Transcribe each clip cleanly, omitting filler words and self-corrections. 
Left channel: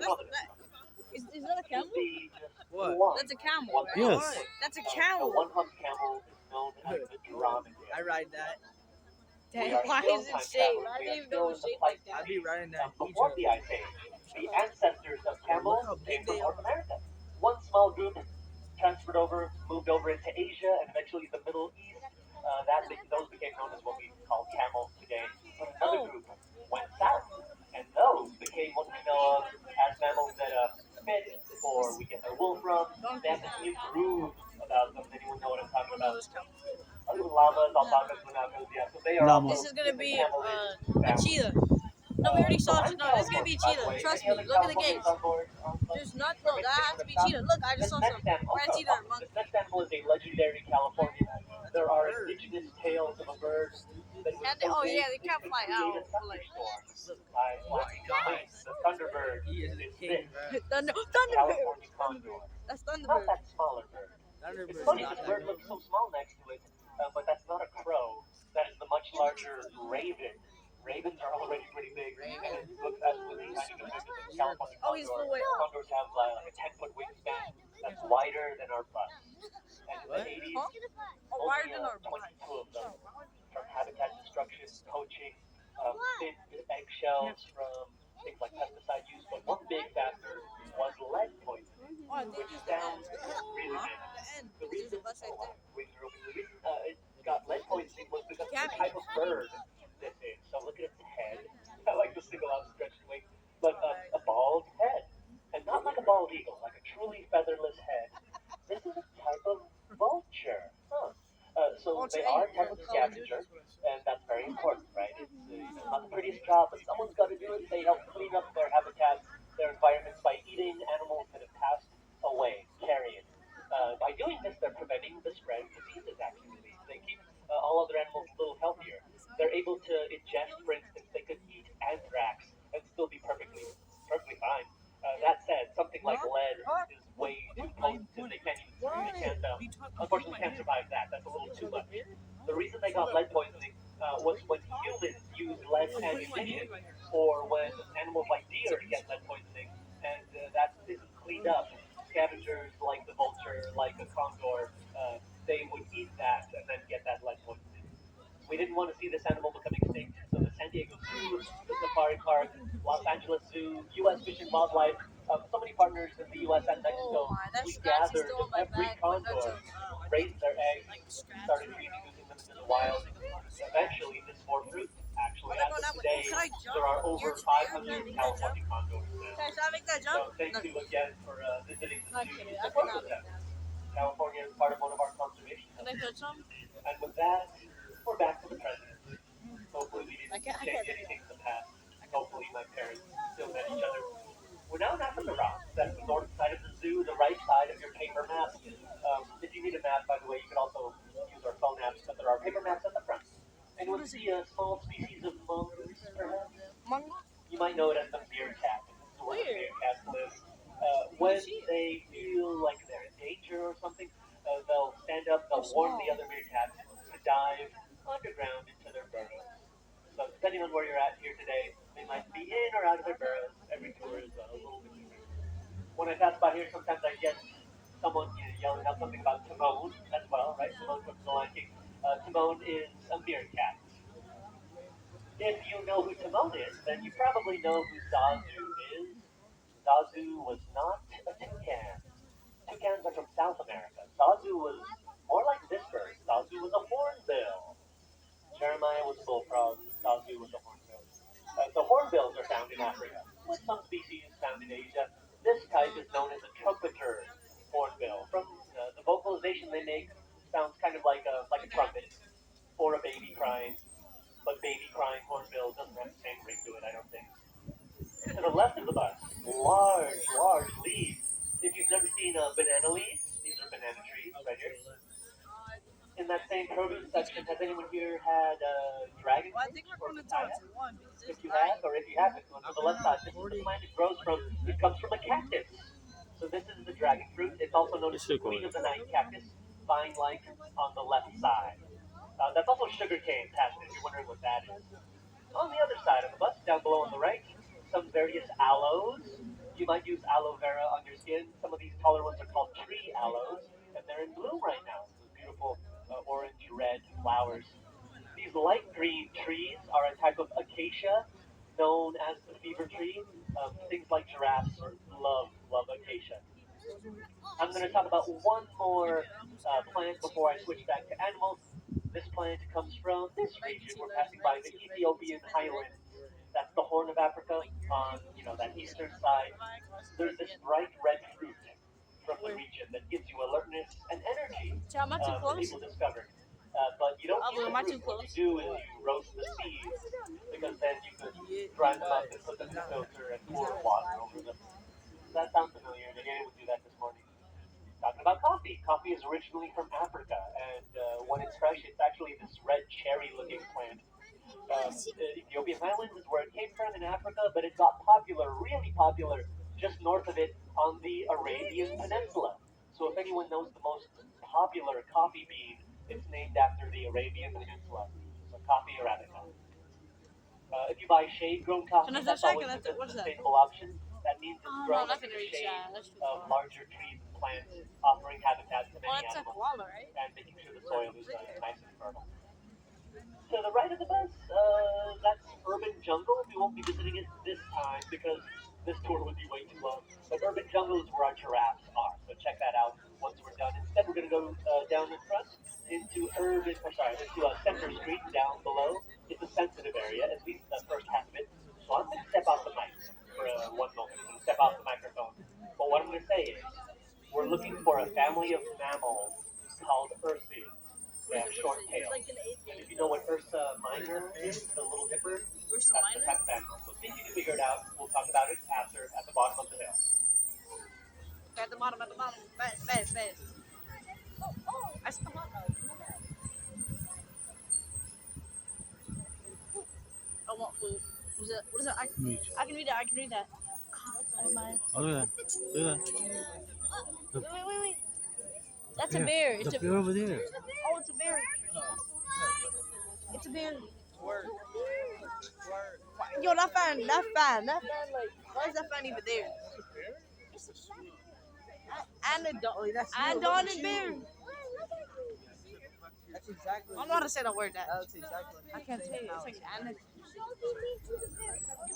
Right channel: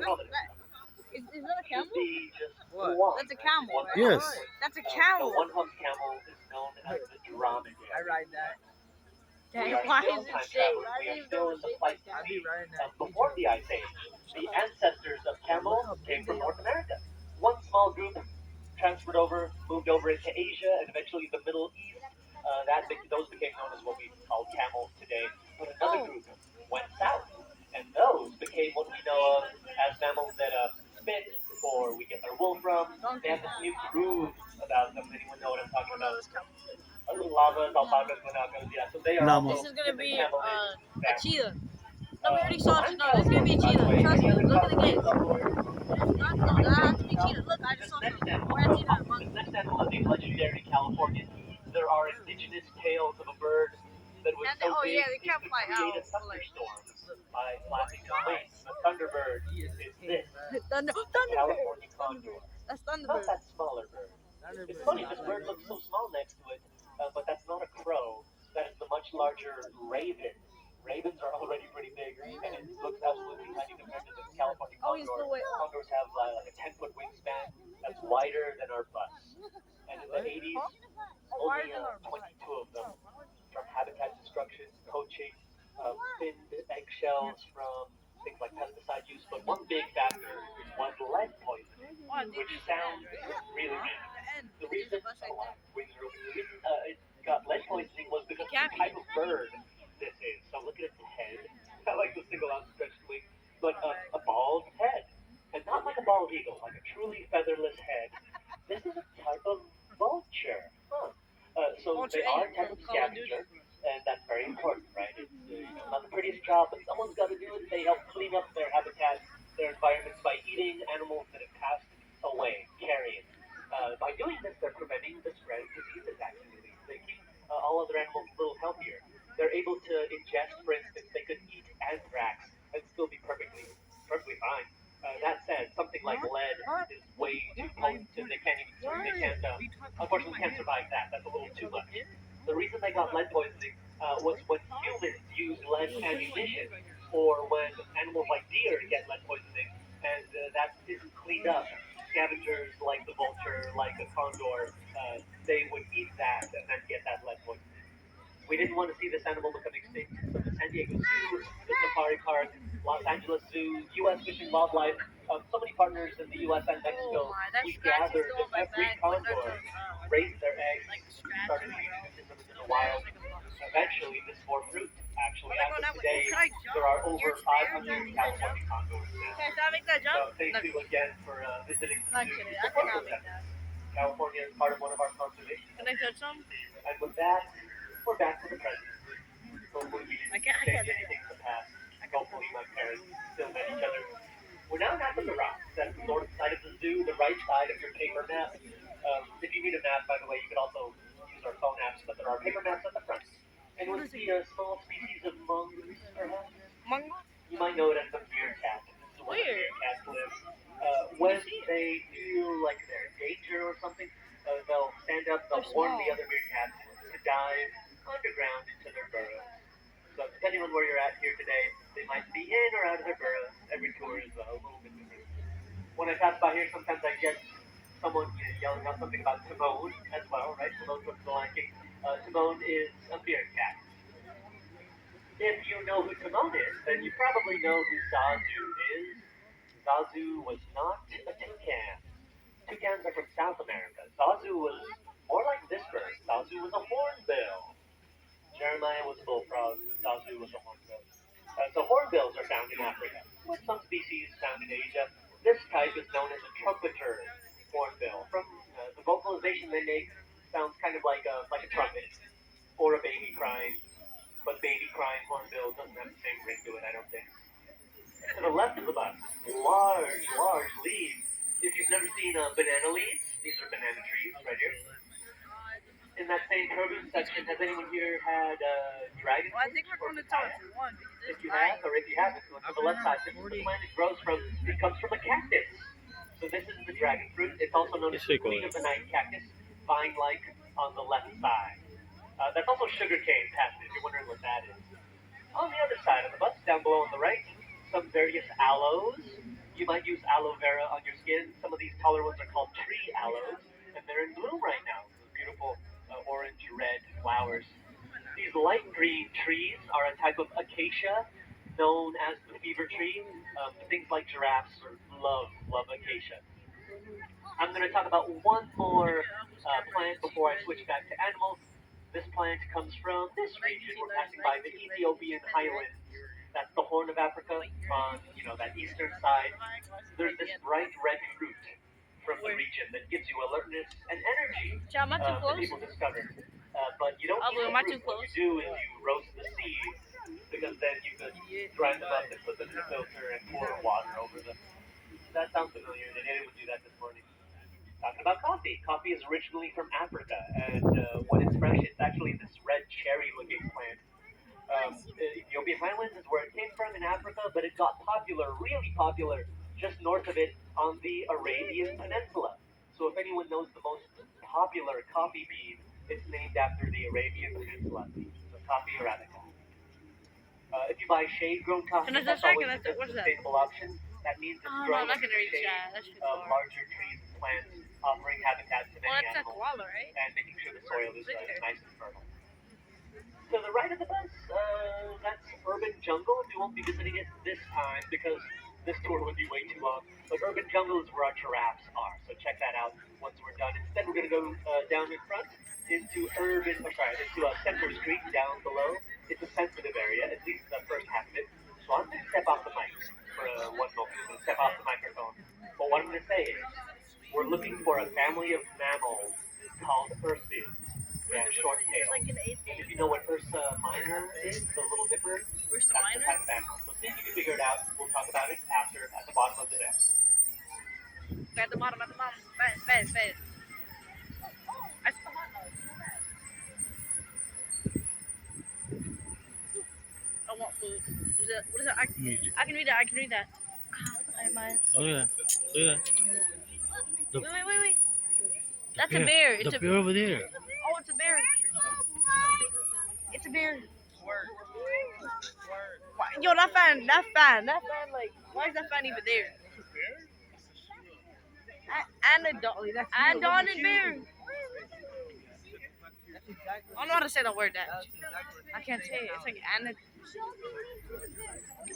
Is that a camel? What? That's a camel, right? Yes. That's a camel. One-hump camel is known as the dromedary. I ride that. Dang, why is it shaped? I didn't even know it was shaped like I'd that. be riding that. Before the Ice Age, the ancestors of Yeah, look camels how came big from they North are. America. One small group transferred over, moved over into Asia, and eventually the Middle East. Those became known as what we call camels today. But another group went south, and those became what we know of as mammals that spit, or we get their wool from. They have this new groove about them. Anyone know what I'm talking about? Llamas, alpacas, guanacos, yeah. So they are Llama. This is gonna be camel a cheetah. No, we already saw it. No, this is gonna be a cheetah. Trust me. Look at the gates. There's not. No, that has to be cheetah. Look, I just saw some. Or a cheetah or a monkey. This next animal is a legendary Californian. There are indigenous tales of a bird that was And so oh big yeah, they it can't could fly create out. a But like, thunderstorm by flapping its wings. The thunderbird He is is the this king, bro. Thunderbird. California condor. That's Not Thunderbird. that smaller bird. It's Thunderbird's funny, not this that bird big. looks so small next to it, but that's not a crow. That is the much larger raven. Ravens are already pretty big, and it looks absolutely tiny compared to the California Oh, he's condor. full weight. Condors have like a 10-foot wingspan that's wider than our butts. And in the 80s, Huh? Oh, wider only than our 22 butt. of them from habitat destruction, poaching, thinned eggshells from things like pesticide use. But one big factor was lead poisoning, Oh, I think which it's the sounds end. really Huh? random. The end. The Because there's reason a bus right there. wings are open. The reason it got lead poisoning was because of the type of bird this is. So look at its head. I like the single out stretched wing, but a bald head, and not like a bald eagle, like a truly featherless head. This is a type of vulture. Huh. So they are a type of scavenger, and that's very important, right? It's not the prettiest job, but someone's got to do it. They help clean up their habitats, their environments by eating animals that have passed away, carrion. By doing this, they're preventing the spread of diseases, actually. They keep all other animals a little healthier. They're able to ingest, for instance, they could eat anthrax and still be perfectly fine. That said, something like lead is way too potent. They can't even, they can't, unfortunately, can't survive that. That's a little too much. The reason they got lead poisoning was when humans use lead ammunition, or when animals like deer get lead poisoning, and that isn't cleaned up. Scavengers like the vulture, like the condor, they would eat that and then get that lead poisoning. We didn't want to see this animal become extinct, so the San Diego Zoo, the Safari Park, Los Angeles Zoo, U.S. Fish and Wildlife, so many partners in the U.S. and Oh Mexico, my, that we scratch is gathered still on my every back. When that's condor, raised their eggs, started introducing them into the wild. Eventually, this bore fruit. Actually, They're as going of that way. today, Can I jump? there are over You're there? 500 Can I make that jump? California condors now. Can I make that jump? So thank you again for visiting the Not zoo. kidding. to I support cannot those make that. efforts. California is part of one of our conservation. Can I touch them? And with that, we're back to the present. Hopefully we I didn't can't change do anything in the past. Hopefully my parents still met each other. We're now in Africa Rock. That's the north side of the zoo, the right side of your paper map. If you need a map, by the way, you can also use our phone apps, but there are paper maps at the front. And you'll see a small species of mongoose, perhaps. Mongoose? You might know it as the meerkat. This is where the Weird. meerkats live. When they feel like they're in danger or something, they'll stand up, they'll warn the other meerkats to dive underground into their burrows. So depending on where you're at here today, they might be in or out of their burrows. Every tour is a little bit different. When I pass by here, sometimes I get someone yelling out something about Timon as well, right? Timon from The Lion King. Timon is a meerkat. If you know who Timon is, then you probably know who Zazu is. Zazu was not a toucan. Toucans are from South America. Zazu was more like this bird. Zazu was a hornbill. Jeremiah was a bullfrog. Zazu was a hornbill. So hornbills are found in Africa, with some species found in Asia. This type is known as a trumpeter hornbill. From the vocalization they make, sounds kind of like a trumpet or a baby crying. But baby crying hornbill doesn't have the same ring to it, I don't think. To the left of the bus, large leaves. If you've never seen banana leaves, these are banana trees right here. In that same produce section, has anyone here had dragon fruit? Well, I think we're going to tell it's one because If it's you have, nine. or if you haven't, go to the left side. This is the plant it grows from. It comes from a cactus. So this is the dragon fruit. It's also known as the queen of the night cactus, vine-like on the left side. That's also sugarcane passion, if you're wondering what that is. On the other side of the bus, down below on the right, some various aloes. You might use aloe vera on your skin. Some of these taller ones are called tree aloes, and they're in bloom right now. Those beautiful orange red flowers. These light green trees are a type of acacia known as the fever tree. Things like giraffes love acacia. I'm going to talk about one more plant before I switch back to animals. This plant comes from this region. We're passing by the Ethiopian highlands. That's the Horn of Africa on, that eastern side. There's this bright red fruit from the region that gives you alertness and energy Child, am I too that close? people discovered. But you don't Abu, eat am I the too fruit. What close? you do is you roast the seeds because then you could grind them up and put them in the filter and pour water over them. That sounds familiar. Daniela would do that this morning. Talking about coffee. Coffee is originally from Africa, and when it's fresh, it's actually this red cherry-looking plant. The Ethiopian highlands is where it came from in Africa, but it got popular, really popular, just north of it on the Arabian Peninsula. So if anyone knows the most popular coffee bean, it's named after the Arabian Peninsula. So coffee Arabica. If you buy shade-grown coffee, Can I that's check? always What a is that? sustainable option. That means it's Oh, no, grown I'm not in gonna the reach shade that. That's too of far. larger trees and plants, offering habitat to Oh, many that's a animals koala, right? and making sure the soil is nice and fertile. To the right of the bus, that's Urban Jungle. We won't be visiting it this time because this tour would be way too long. But Urban Jungle is where our giraffes are, so check that out once we're done. Instead, we're going to go down in front into Center Street down below. It's a sensitive area, at least the first half of it. So I'm going to step off the mic for 1 moment. I'm going to step off the microphone. But what I'm going to say is, we're looking for a family of mammals called ursids. They have short tails. Like in 8th And grade. if you know what Ursa Minor is, the Little Dipper, Ursa that's the Minor? type of animal. So see if you can figure it out. We'll talk about it after at the bottom of the day. At the bottom, fast. That's the hot dog. You know that? I want food. What is it? I can read that. Oh yeah, yeah. Wait. That's a bear. The bear over there. Oh, it's a bear. It's a bear. Word. Yo, that fan, like, why is that fan even there? And a dog. And Don and Bear. That's exactly. I don't know how to say the word that. That's exactly. I can't say it. It's like and.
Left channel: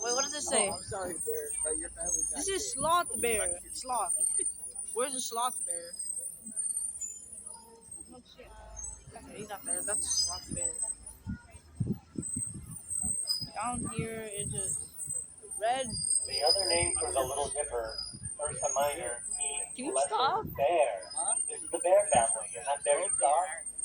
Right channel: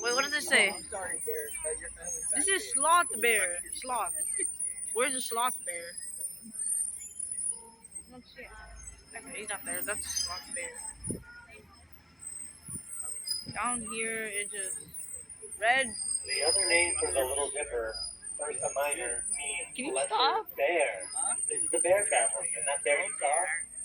Wait, what does it say? I'm sorry, Bear, but your family's This is Sloth Bear. Sloth. Where's the Sloth Bear? Okay, he's not there. That's Sloth Bear. Down here, it just red. The other name for the Little Dipper, Ursa Minor, means Can you lesser stop? bear. This is the bear family, and that bear you saw,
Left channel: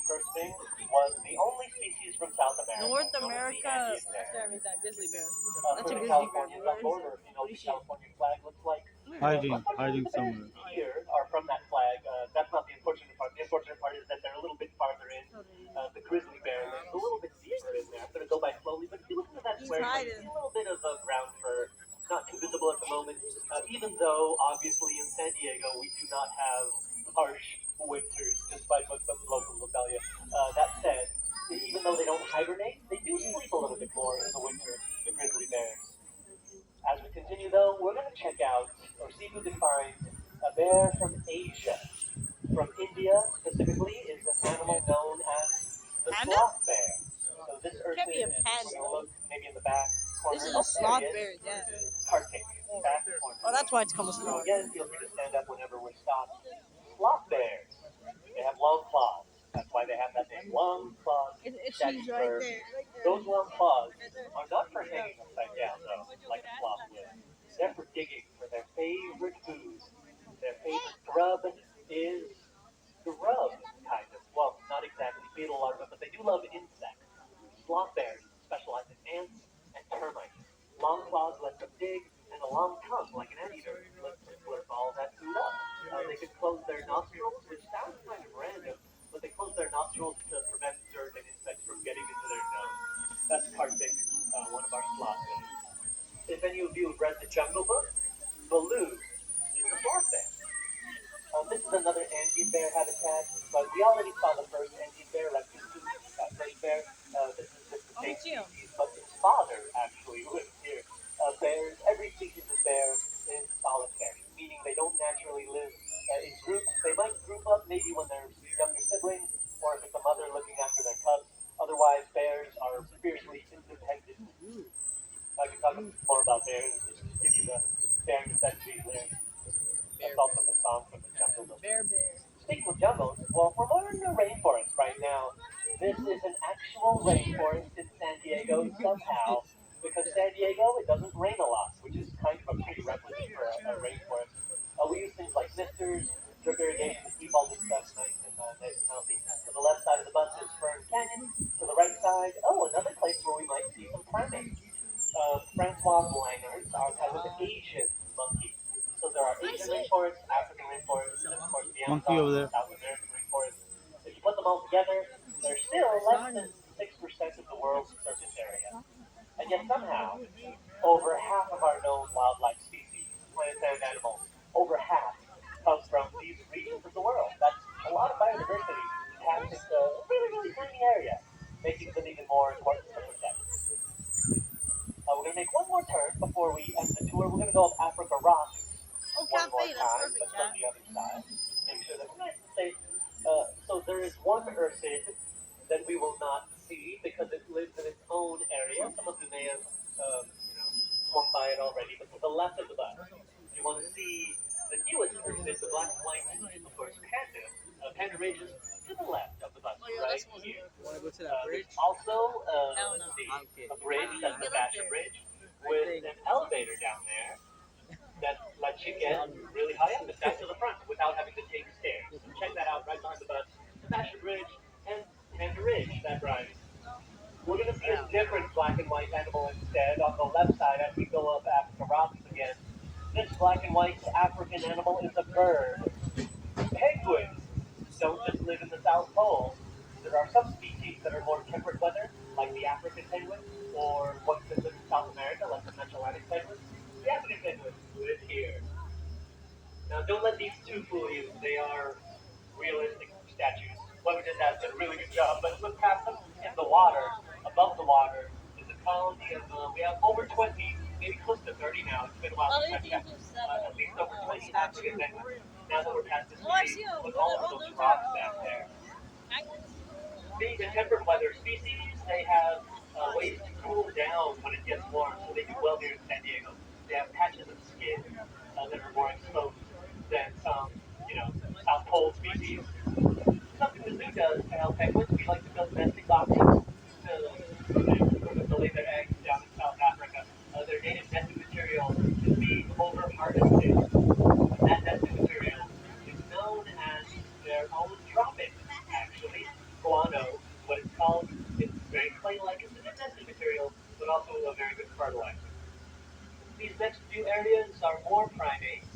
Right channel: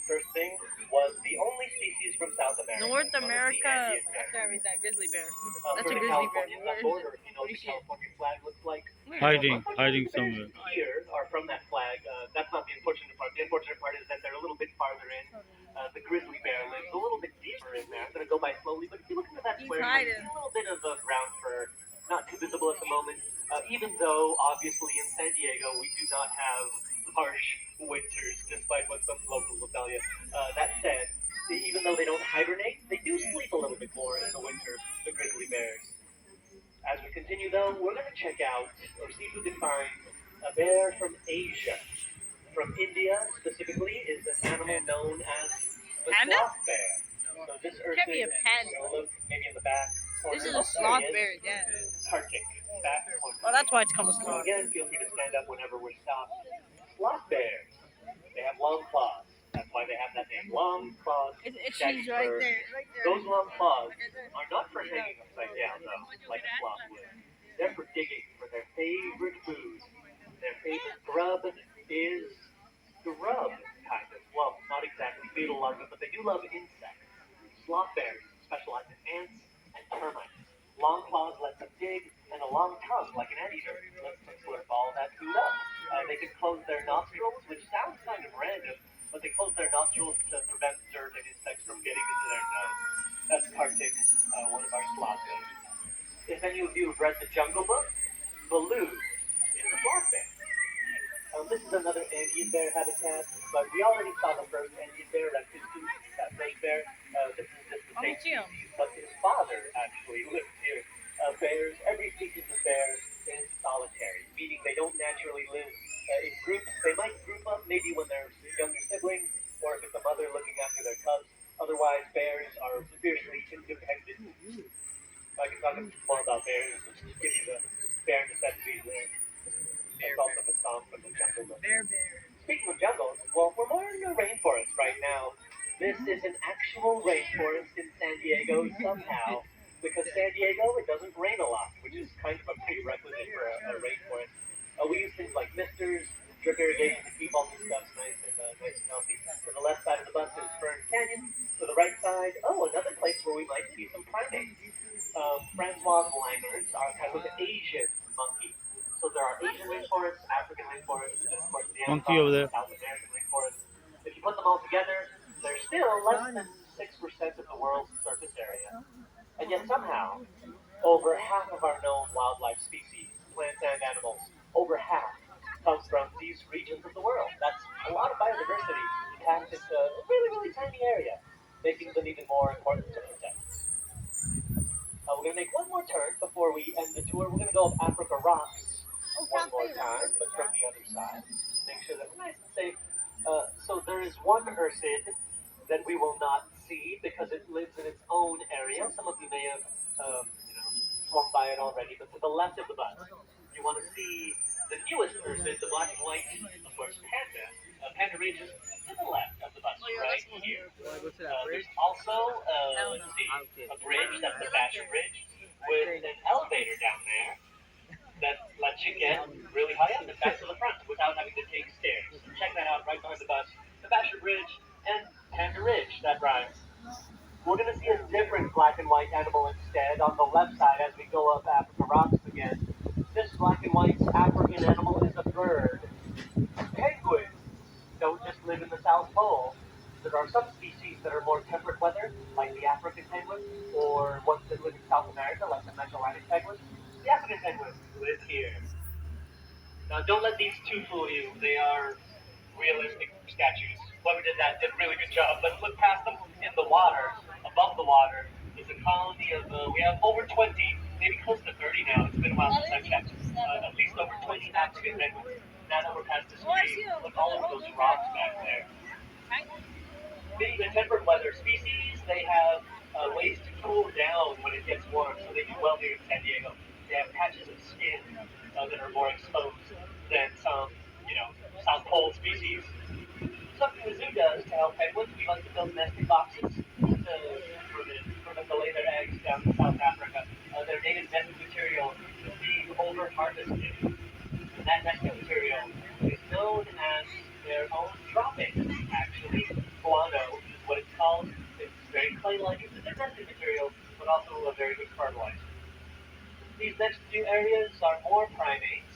first thing, was the only species from South America. North known as the America. Andean bear. After I read that grizzly bear. That's For a the grizzly bear. Californians Where on is border, it? if you know what What do you the see? California flag looks like. Hiding somewhere. Here are from that flag. That's not the unfortunate part. The unfortunate part is that they're a little bit farther in. The grizzly bear lives a little bit deeper in there. I'm going to go by slowly, but if you look into that He's square, hiding. a little bit of brown fur, not too visible at the moment. Even though, obviously, in San Diego, we do not have harsh winters, despite what some locals will tell you. That said, even though they don't hibernate, they do sleep a little bit more in the winter, the grizzly bears. As we continue, though, we're going to check out, or see if we can find, a bear from Asia. From India, specifically, is an animal known as the Panda? sloth bear. So this Can't be a urchin, panda. look maybe in the back corner. This is Oh, a sloth there he is. bear, yeah. Kartik, back corner. Oh, that's why it's called a So sloth. again, feel free to stand up whenever we're stopped. Sloth bears, they have long claws. That's why they have that name, long claws. She's right there. Those long claws are not for hanging upside down, though, like a sloth would. They're for digging for their favorite food. Their favorite grub is grub, kind of. Well, not exactly beetle larvae, but they do love insects. Sloth bears specialize in ants and termites. Long claws let them dig, and a long tongue, like an anteater, lets them slurp all that food up. They can close their nostrils, which sounds kind of random, but they close their nostrils to prevent dirt and insects from getting into their nose. That's Kartik, one of our sloth bears. If any of you have read the Jungle Book, Baloo is a sloth bear. This is another Andean bear habitat, but we already saw the first Andean bear, Rakusu, that first bear. This is just the same see him. species, but his father actually lives here. Bears, every species of bear is solitary. Care Bear. Speaking of jungles, well, we're more in the rainforest right now. This is an actual rainforest in San Diego somehow, because San Diego, it doesn't rain a lot, which is kind of a prerequisite for a rainforest. We use things like misters, drip irrigation to keep all this stuff nice and healthy. To the left side of the bus is Fern Canyon. To the right side, oh, another place where we might see some primates. Francois Langers are kind of an Asian monkey. So there are Asian rainforests, African rainforests, and of course the Monkey over Amazon, there. South American rainforest. If you put them all together, they're still less than 6% of the world's surface area. And yet somehow, over half of our known wildlife species, plants and animals, over half come from these regions of the world. That's a lot of biodiversity packed into a really, really tiny area, making them even more important to protect. We're going to make one more turn before we end the tour. We're going to go up Africa Rocks Oh, one more cafe, that's time, perfect, but from Jack. the other side. Make sure that we're nice and safe. So there is one ursid that we will not see because it lives in its own area. Some of you may have, swum by it already, but to the left of the bus, you want to see the newest ursid, the black and white, of course, panda. Panda Ridge is to the left of the bus, Oh, yeah, right that's one. here. You want to go to that bridge? There's also, Hell let's no. see, Okay. a bridge, that's the Get up Basher there. Bridge, I with think. an elevator down there that lets you get really high up and back to the front without having to take stairs. Check that out right behind the bus. The Basher Bridge and Panda Ridge, that rhymes. We're going to see a different black and white animal instead on the left side as we go up Africa Rocks again. This black and white African animal is a bird. Penguins don't just live in the South Pole. There are some species that are more temperate weather, like the African penguin, or ones that live in South America, like the Mesoamerican penguin. The African penguin live here. Now, don't let these two fool you. They are realistic statues. Whoever did that did a really good job. Let's look past them. In the water, above the water, is a colony of, we have over 20, maybe close to 30 now. It's been a while Oh, since they I've think checked. it's that. At least over 20 African penguins. Now that we're past the Oh, I stream, see them. look all over those rocks back there. Being a temperate weather species, they have ways to cool down when it gets warm, so they do well here in San Diego. They have patches of skin that are more exposed than some, South Pole species. Something the zoo does to help penguins, we like to build nesting boxes for them to lay their eggs down in South Africa. Their native nesting material is being over harvested. That nesting material is known as their own dropping, actually. Guano is what it's called. It's very clay-like. It's a good nesting material, but also a very good fertilizer. These next few areas are more primates.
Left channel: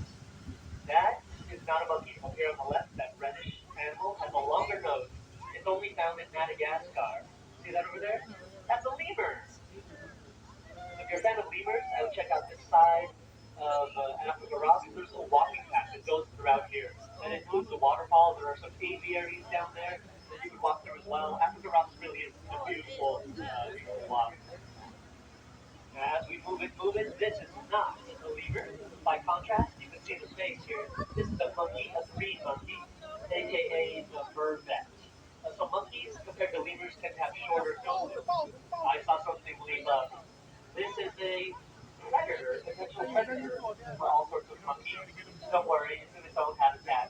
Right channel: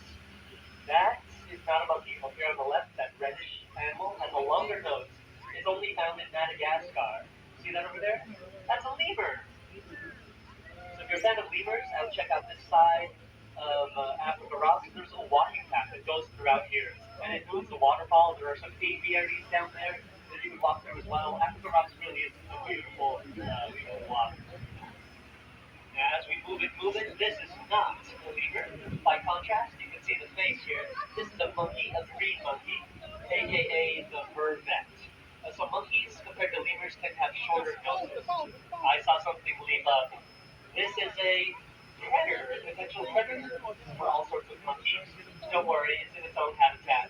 That is not a monkey. Over here on the left, that reddish animal has a longer nose. It's only found in Madagascar. See that over there? That's a lemur. So if you're a fan of lemurs, I would check out this side of Africa Rocks. There's a little walking path that goes throughout here, and it includes a waterfall. There are some aviaries down there that you can walk through as well. Africa Rocks really is a beautiful, walk. Now, as we move it, this is not a lemur. By contrast, you can see the face here. This is a monkey, a green monkey, aka the vervet. So monkeys, compared to lemurs, tend to have shorter noses. I saw something leap up. This is a predator, a potential predator for all sorts of monkeys. Don't worry, it's in its own habitat.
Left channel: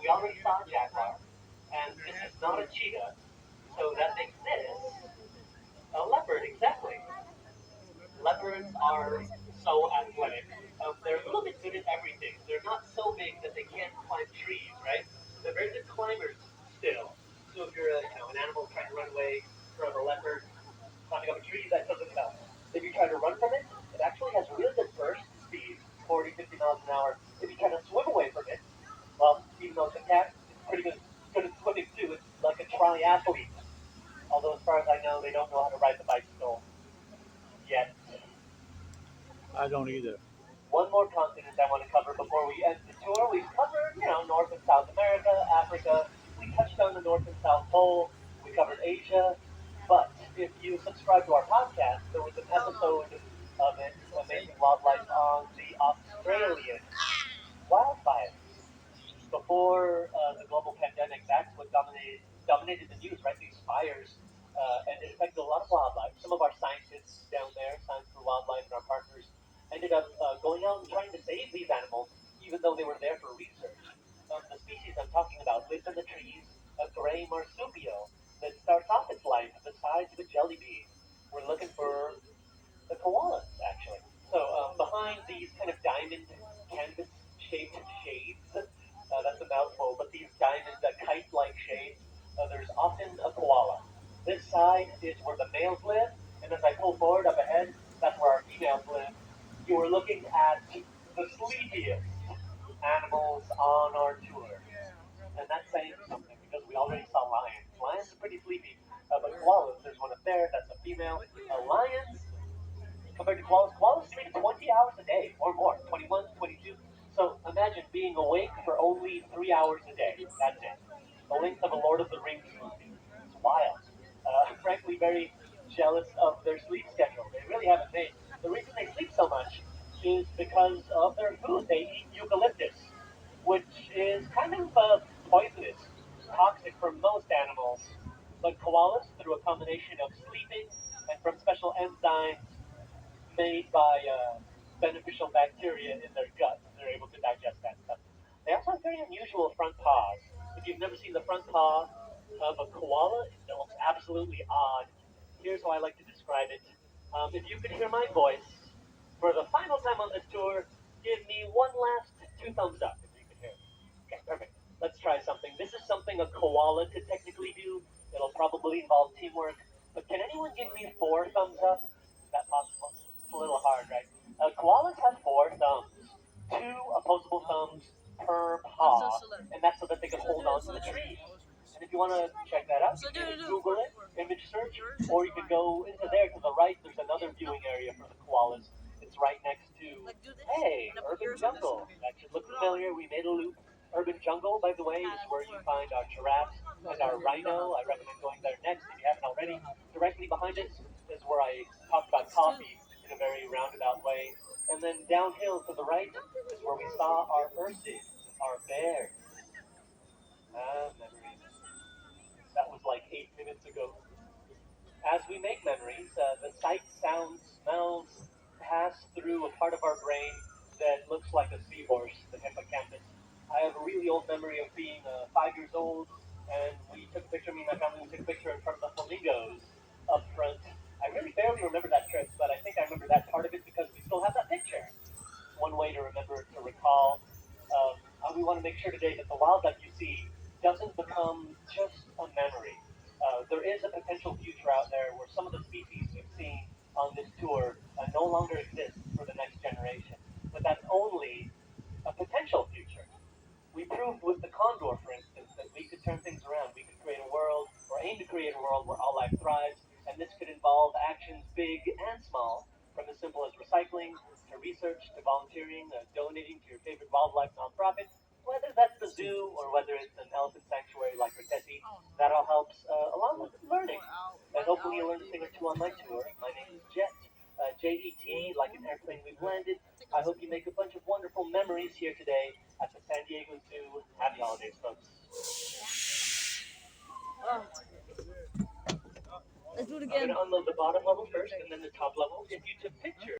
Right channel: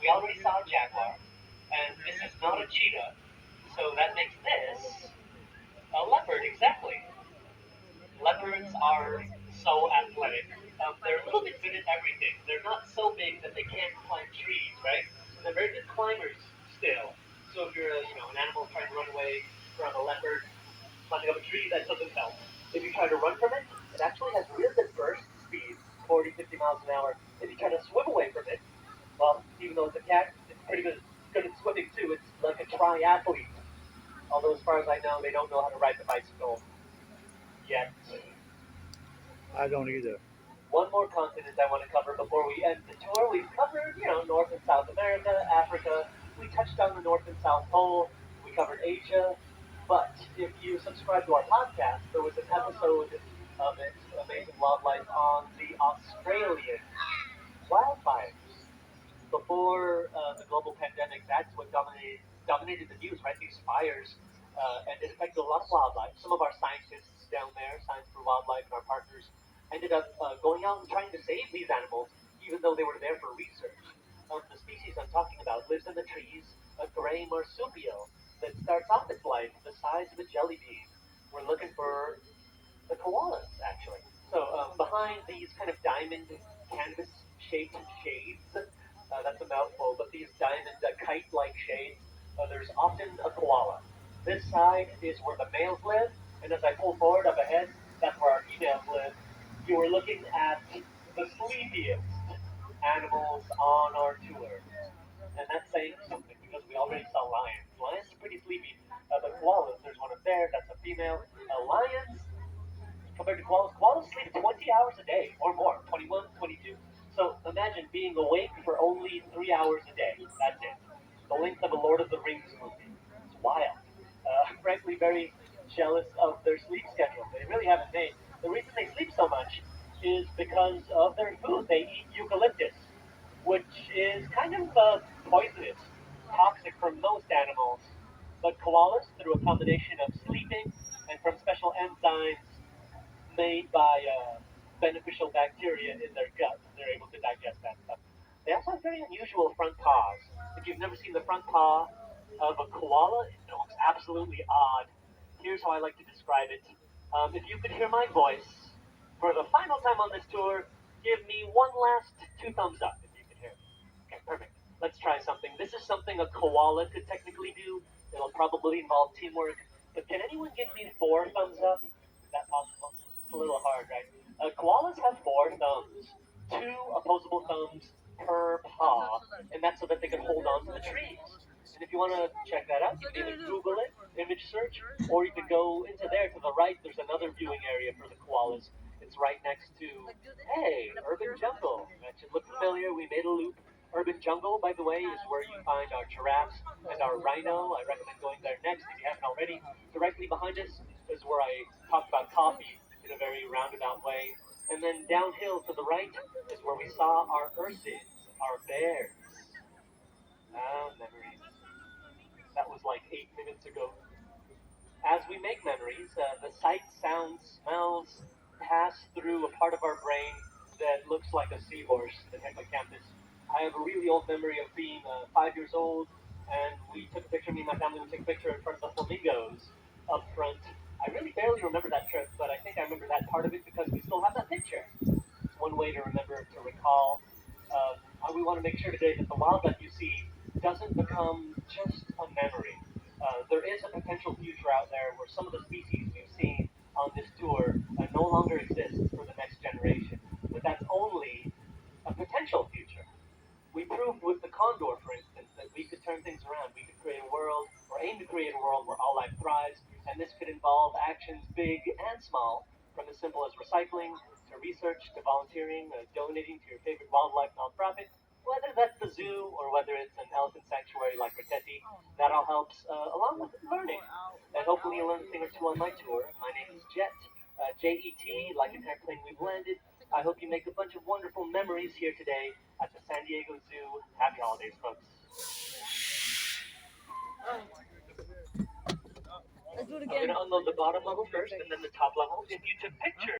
We already saw a jaguar, and this is not a cheetah, so that makes this a leopard, exactly. Leopards are so athletic. They're a little bit good at everything. They're not so big that they can't climb trees, right? They're very good climbers still. So if you're an animal trying to run away from a leopard climbing up a tree, that doesn't help. If you try to run from it, it actually has really good burst speed, 40, 50 miles an hour. If you try to swim away from it, well, even though it's a cat, it's pretty good at swimming too. It's like a triathlete. Although as far as I know, they don't know how to ride the bicycle yet. I don't either. One more continent I want to cover before we end the tour. We've covered, North and South America, Africa. We touched on the North and South Pole. We covered Asia. But if you subscribe to our podcast, there was an episode of it, Amazing Wildlife, on the Australian wildfires. Before the global pandemic, that's what dominated the news, right? These fires, and it affected a lot of wildlife. Some of our scientists down there, Science for Wildlife, and our partners, ended up going out and trying to save these animals, even though they were there for research. The species I'm talking diamond canvas-shaped shades. That's a mouthful, but these diamond kite-like shades, there's often a koala. This side is where the males live, and as I pull forward up ahead, that's where our females live. You are looking at the sleepiest animals on our tour. And that's saying something because we already saw lions. Lions are pretty sleepy, but koalas, there's one up there, that's a female. Lions, compared to koalas, koalas sleep 20 hours a day or more, 21, 22. So imagine being awake for only 3 hours a day. That's it. The length of a Lord of the Rings movie. It's wild. Frankly, very jealous of their sleep schedule. They really haven't made. The reason they sleep so much is because of their food. They eat eucalyptus, which is kind of poisonous, toxic for most animals. But koalas, through a combination of sleeping and from special enzymes made by beneficial bacteria in their gut, they're able to digest that stuff. They also have very unusual front paws. If you've never seen the front paw of a koala, it looks absolutely odd. Here's how I like to describe it. If you could hear my voice for the final time on this tour, give me one last two thumbs up if you can hear me. Okay, perfect. Let's try something. This is something a koala could technically do. It'll probably involve teamwork. But can anyone give me four thumbs up? Is that possible? It's a little hard, right? Koalas have four thumbs, two opposable thumbs per paw, and that's so that they can hold on to the trees. And if you want to check that out, you can either Google it, image search, or you could go into there to the right. There's another viewing area for the koalas. It's right next to, hey, Urban Jungle. That should look familiar. We made a loop. Urban Jungle, by the way, is where you find our giraffes and our rhino. I recommend going there next if you haven't already. Directly behind us is where I talked about coffee in a very roundabout way. And then downhill to the right is where we saw our ursids, our bears. Ah, memories. That was like 8 minutes ago. As we make memories, the sights, sounds, smells pass through a part of our brain that looks like a seahorse, the hippocampus. I have a really old memory of being 5 years old, and we took a picture, me and my family, we took a picture in front of the flamingos up front. I really barely remember that trip, but I think I remember that part of it because we still have that picture. It's one way to remember, to recall. We want to make sure today that the wildlife you see doesn't become just a memory. There is a potential future out there where some of the species we've seen on this tour no longer exist for the next generation. But that's only a potential future. We proved with the condor, for instance, that we could turn things around. We could create a world, or aim to create a world where all life thrives, and this could involve actions big and small, from as simple as recycling, to research, to volunteering, donating to your favorite wildlife nonprofit, whether that's the zoo or whether it's an elephant sanctuary like Roteti. That all helps, along with learning. And hopefully you'll learn a thing or two on my tour. My name is Jet, Jet, like an airplane we've landed. I hope you make a bunch of wonderful memories here today at the San Diego Zoo. Happy holidays, folks. Let's do it I'm again. going to unload the bottom level first and then the top level. If you took pictures,